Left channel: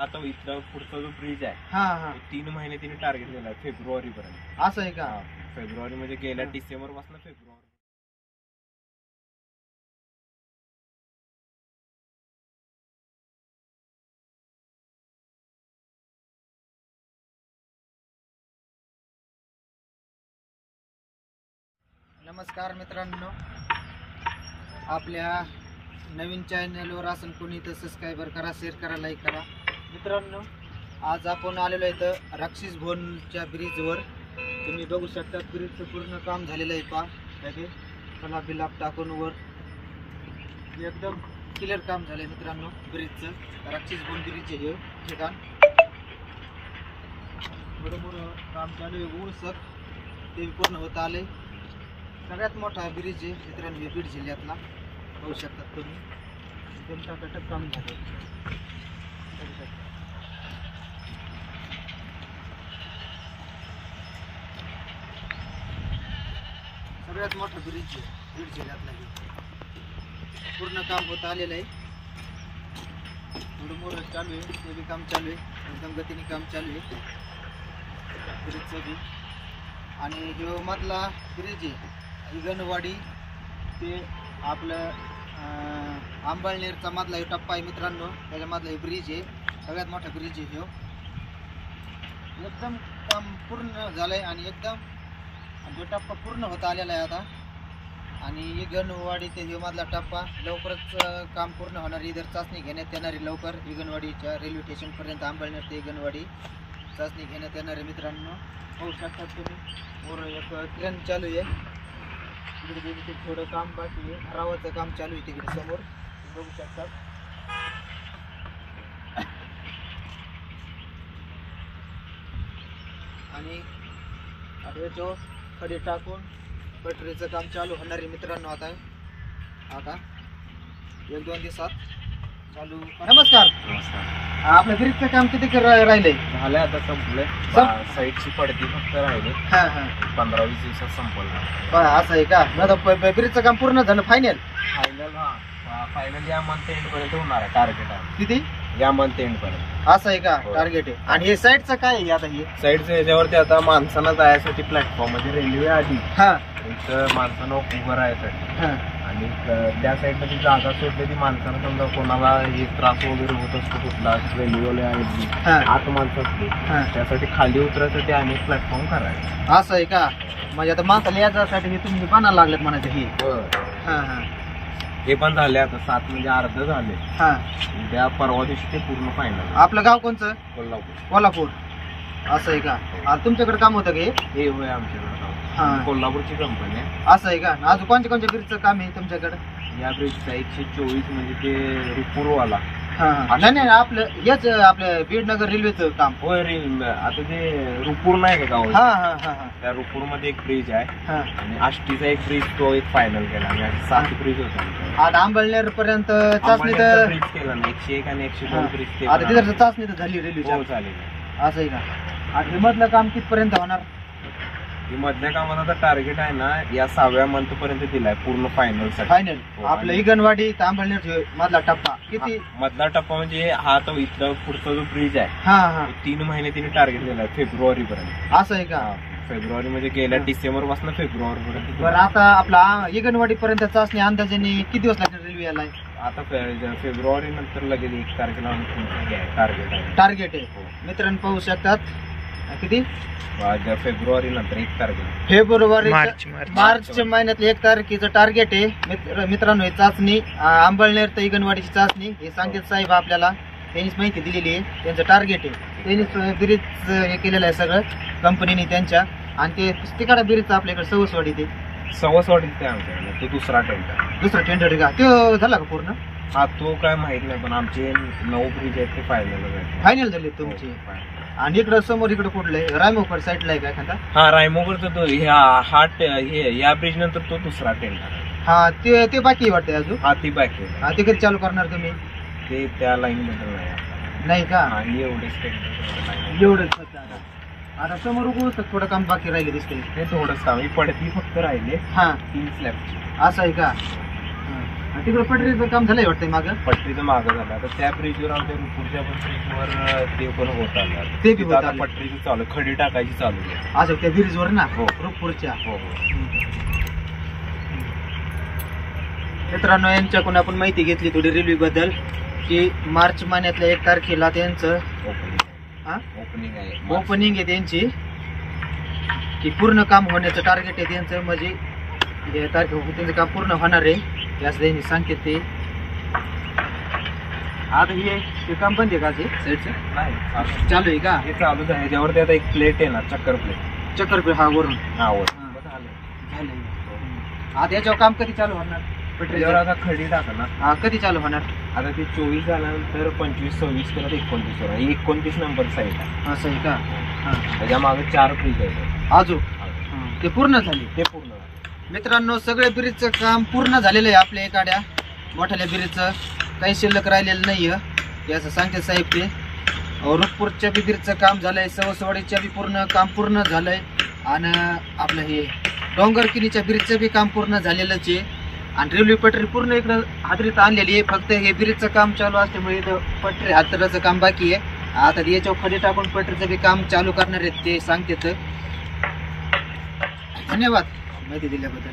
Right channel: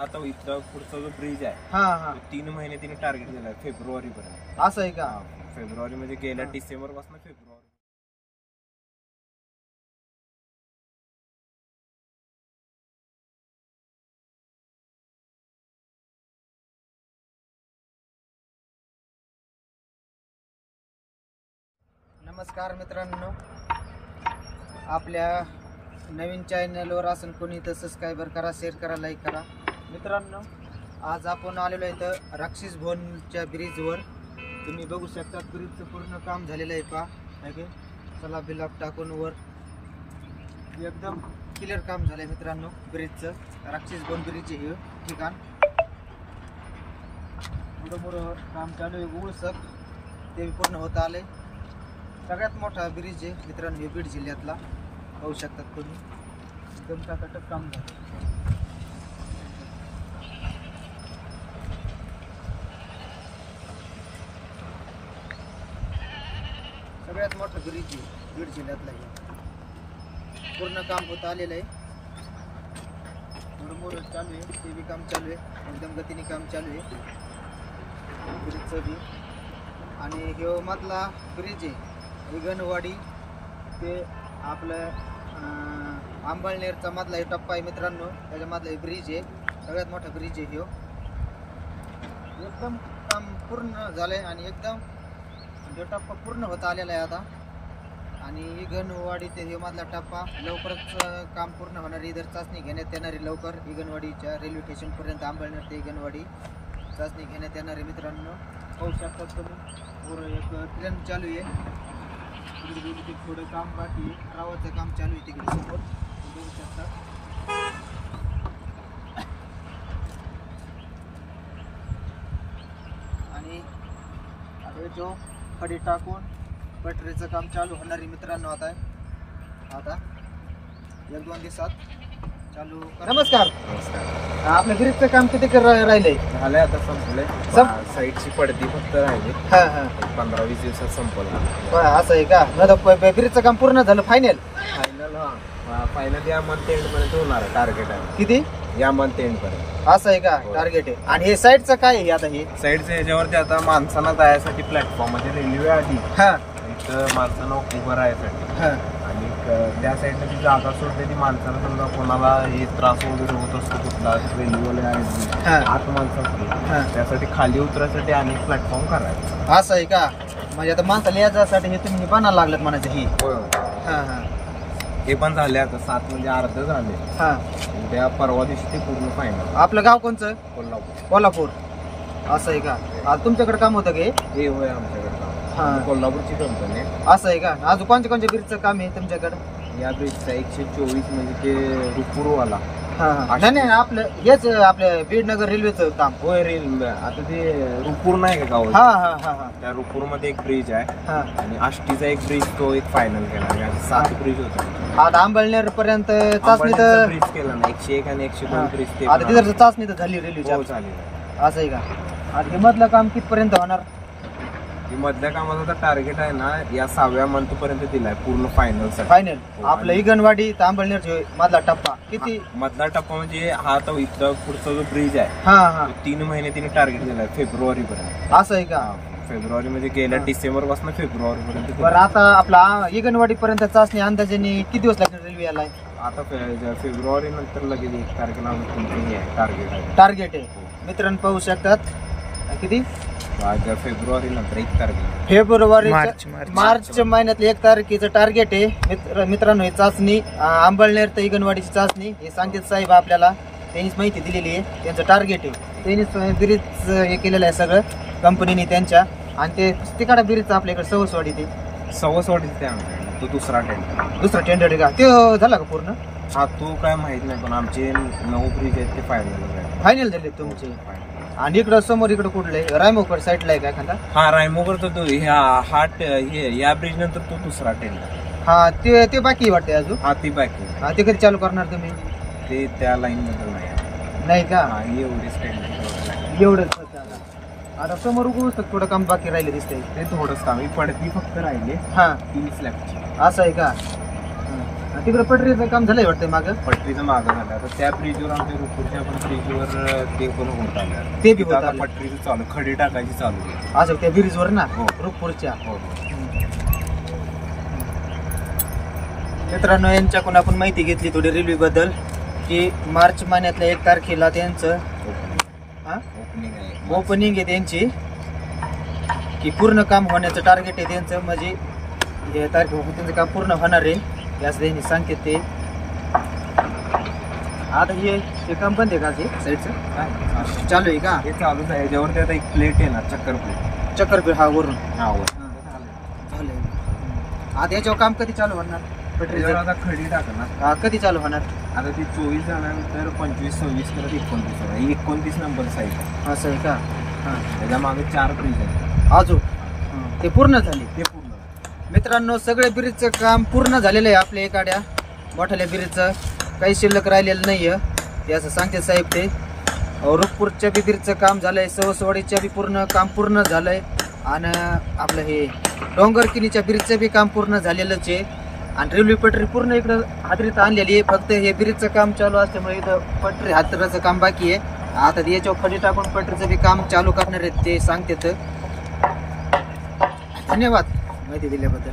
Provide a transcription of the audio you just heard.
आता इथला पुढचा जो ब्रिज आहे हा तो 3 महिने तिने टार्गेट दिलाय फेब्रुवारी पर्यंत. असं आहे का? फेब्रुवारी म्हणजे गेल्या डिसेंबर पासून फेब्रुवारी. नमस्कार मित्रांनो, आपल्या नवीन चॅनलवर असून कोणी तर सबस्क्राईबर करा, शेअर करा, लाईक करा. मित्रांनो, आज आपण आलेलो आहे तर राक्षस भवनच्या ब्रिजवर. तुम्ही बघू शकता ब्रिजचं पूर्ण काम झालेलं आहे. पहा चला बिलाप टाकून वर एकदम क्लिअर काम झालंय मित्रांनो ब्रिजचं. राक्षस भवन ब्रिज हे ठिकाण मोठं काम चालू आहे. उळसक ते पूर्ण होत आलंय. सगळ्यात मोठा ब्रिज आहे मित्रांनो बीड जिल्ह्यातला. पाहू शकतात तुम्ही, एकदम टकाटक काम झालं. सगळ्यात मोठा ब्रिज आहे बीड जिल्ह्यातला. पूर्ण काम होत आलेलं आहे. मोठं चालू आहे, ते बी काम चालू आहे. एकदम गतीने काम चालू आहे ब्रिजचं बी. आणि ह्यो मधला ब्रिज आहे इगणवाडी ते आपलं आंबळनेरचा मधला हे टप्पा आहे मित्रांनो. त्याच्यामधला हे ब्रिज आहे, सगळ्यात मोठा ब्रिज आहे ह्यो. एकदम काम पूर्ण झालंय आणि एकदम तो टप्पा पूर्ण होत आलेला आहे आता. आणि इगणवाडी ते हे मधला टप्पा लवकरच काम पूर्ण होणार. इधर चाचणी घेण्यात येणारी लवकर इगणवाडीच्या रेल्वे स्टेशनपर्यंत आंबळनेर ते इगणवाडी चाचणी घेण्यात येणार आहे मित्रांनो. पाहू शकता तुम्ही, पूर्ण एक ट्रेन चालू आहे. तिकडे थोडं काम बाकी आहे, रावाचं काम चालू आहे तिकडे समोर बघू शकतात. आणि आता जो खडी टाकून पटरीचं काम चालू होणार आहे मित्रांनो. आता 1-2 दिवसात चालू. नमस्कार. आपलं ब्रिजचं काम किती राहिलंय? झालंय आता, संपलंय. साईडची पडती फक्त राहिली. 15-20 दिवसात संपलं. असं आहे का? ब्रिजचं काम पूर्ण झालं फायनल? फायनल या मंथ एंड पर्यंत होणार आहे. टार्गेट आहे किती? या मंथ एंड पर्यंत. असं आहे का टार्गेट आहे? आणि हे साईडचं काय आहे आता? हे साईडच्या ह्याच्यावरती आता माणसांना जायसाठी प्लॅटफॉर्म म्हणजे रेल्वे आधी इथं माणसांना उभं राहायसाठी. आणि त्या साईडला जी जागा सोडते ती माणसांना, समजा कोणाला हे त्रास वगैरे होत असतो कुठला रेल्वेवाले आहेत आत माणसं असते त्यासाठी खाली उतरायसाठी आणि प्लॅटफॉर्म करायचं. असं आहे का? म्हणजे आता माणसाला याच्यासाठी हे तुम्ही बनायला लागलेत म्हणायचं. ही हे पण झाले आता 7 म्हणजे अर्ध झाले. उद्या परवा दिवशी ते पूर्ण फायनल. आपलं गाव कोणचं? कोल्हापूर. कोल्हापूर. असं आहे का? तुमच्याकडे काम होतं का हे? होय, आमच्याकडे काम. कोल्हापूरची कंपनी आहे. असं आहे का? अजून कोणत्या ब्रिजचं काम आहे तुमच्याकडे? या ब्रिजचा 124 म्हणजे ते रुपूरवाला. नाही आपलं हेच आपलं बीडनगर रेल्वेचं काम. होय, रेल्वे. आता ते रुपूर नाही का गाव? त्या रुपूर मध्ये एक ब्रिज आहे आणि आष्टीचा एक ब्रिज, तो एक फायनल केला. आणि 7 ब्रिज होते. आता आंबळनेर पर्यंत चाचणी तर ब्रिज केला ना, 101 आणि 102 ब्रिज. ते तिथं चाचणी तर झाली रेल्वे झाली. असं आहे का? आणि मधलं काम कितपर्यंत होणार? मधल्या कामाचा तर टार्गेट आहे ना, या 6व्या मंथ पर्यंत दिलाय पूर्ण फायनल. आपलं इगणवाडी तांबळनेर मधला टप्पा किती? मधला टप्पा म्हणजे हा तो इथला पुढचा जो ब्रिज आहे 3 महिने तिने टार्गेट दिलाय फेब्रुवारी पर्यंत. असं आहे का? फेब्रुवारी म्हणजे गेल्या डिसेंबर पासून फेब्रुवारी पर्यंत. बरं, आता आपला इगणवाडी पर्यंत चाचणी अंदाजाने किती दिवस लागतील रेल्वे याला? आता फेब्रुवारी नंतर लगेच 1 तारखेला टार्गेट आहे. मित्रांनो पाहू शकतात किती? फेब्रुवारी नंतर 1 तारखेला. फेब्रुवारी मार्च महिन्यातलं 1 तारखेचं टार्गेट आहे मित्रांनो. हे चाचणी आंबळनेर ते इगणवाडीची चाचणी हे सांगतील साहेब आपल्याला. त्यांनीच माहिती दिलेली आहे. त्यांचं टार्गेट आहे. त्यांनीच ब्रिज हे केलेलं आहे सगळं कंपनीने त्यांच्या. आणि ते तिकडा ब्रिजचं आपल्याकडे सवसवाडी ते आमच्याकडे तो दुसरा टेंडर. दुसरा टेंडर आहे का? तो झाला का पूर्ण? हा, तो काय माहित नाही, पण आमचे 9 ब्रिज आहेत ते फायनल झाले तुमचे. आणि इकडं समोर इकडे कुठले रायमोकर साईडला आहे का एखादा? हा, रायमोकर तो या ब्रिज नंतर तो दुसरा टेंडर. ते बाकी वाटते अजून? हा, ती बाकी. ते कधी चालू करणार तुम्ही? ते त्या लाईन बद्दल नाही का? एवढेच टेंडर. एवढंच. आता समोर थोडं काम बाकी राहिले दिसतंय. ते थोडंच काम. पडती फक्त राहिले 3 स्लॅबची. असं आहे का? तिकडे पटरीचं काम झालंय वाटतंय मागं. पट्टीचं मागं झालं आता त्या ब्रिजवर आमच्या रुपूरच्या पण ब्रिजवर ते पण होत आले आता. ते बी तिथं होत आता आलंय. पटरीचं चालू खडी टाकायची चालू आहे. असं त्या ब्रिजवर ना हो. रुपूरच्या. हो हो. मित्रांनो, यांच्याकडून आपण माहिती घेतली थोडी रेल्वे बद्दल की मार्च महिन्यातल्या 1 तारखेला त्यांचं ओपनिंग आहे. ओपनिंग आहे त्यांची, की पूर्ण काम होण्याचं टार्गेट आहे त्यांचं. म्हणजे हे तारखे त्यांचं काम पूर्ण होणार आहे असं त्यांनी सांगते ते. आता हे काम बंद आहे का ते साईडचं? नाही चालू आहे का? हे चालूच आहे. ह्याच्यावरती आता एक प्लेट आहे ना, चक्कर प्लेट. चक्कर हा वरून झालंय. आता याच्यावर काम कधी चालू होणार? त्याच्यावर आता खडी टाकणार. हा, कधी चालू होणार? आता ते 24 झाल्यानंतर 25, 26 करत 29 होणार. 29 नंबर साईड आहे. असं आहे का? हा. त्याच्या मागे 4 ब्रिज आहेत. अजून ते पूर्ण झाले. ते पूर्ण झाले. मित्रांनो, सगळे ब्रिजचं काम पूर्ण झालेलं आहे आपल्या एखाद्या मोठ्या ब्रिजचं. काही शिल्लक राहिलेलं नाहीये हे असं सांगते साहेब ते. रुपूरच्या बी ब्रिजचं काम झालंय, सवसवाडीच्या बी पूर्ण काम पूर्ण झालंय, आणि आपलं हे डोंगरकिनीच्या ब्रिजचं बी काम पूर्ण झालेलंच आहे. आणि रेल्वे पटरी पूर्ण इकडं हादरीत आणलेली आहे. फक्त हे ब्रिजचं काम चालू असल्यामुळे इथं पटरी हादराचं काम बाकी आहे. आता याच्यावर खडी टाकून पटरीचं बी काम चालू करणार आहेत ते सांगते. धन्यवाद माहिती दिल्याबद्दल.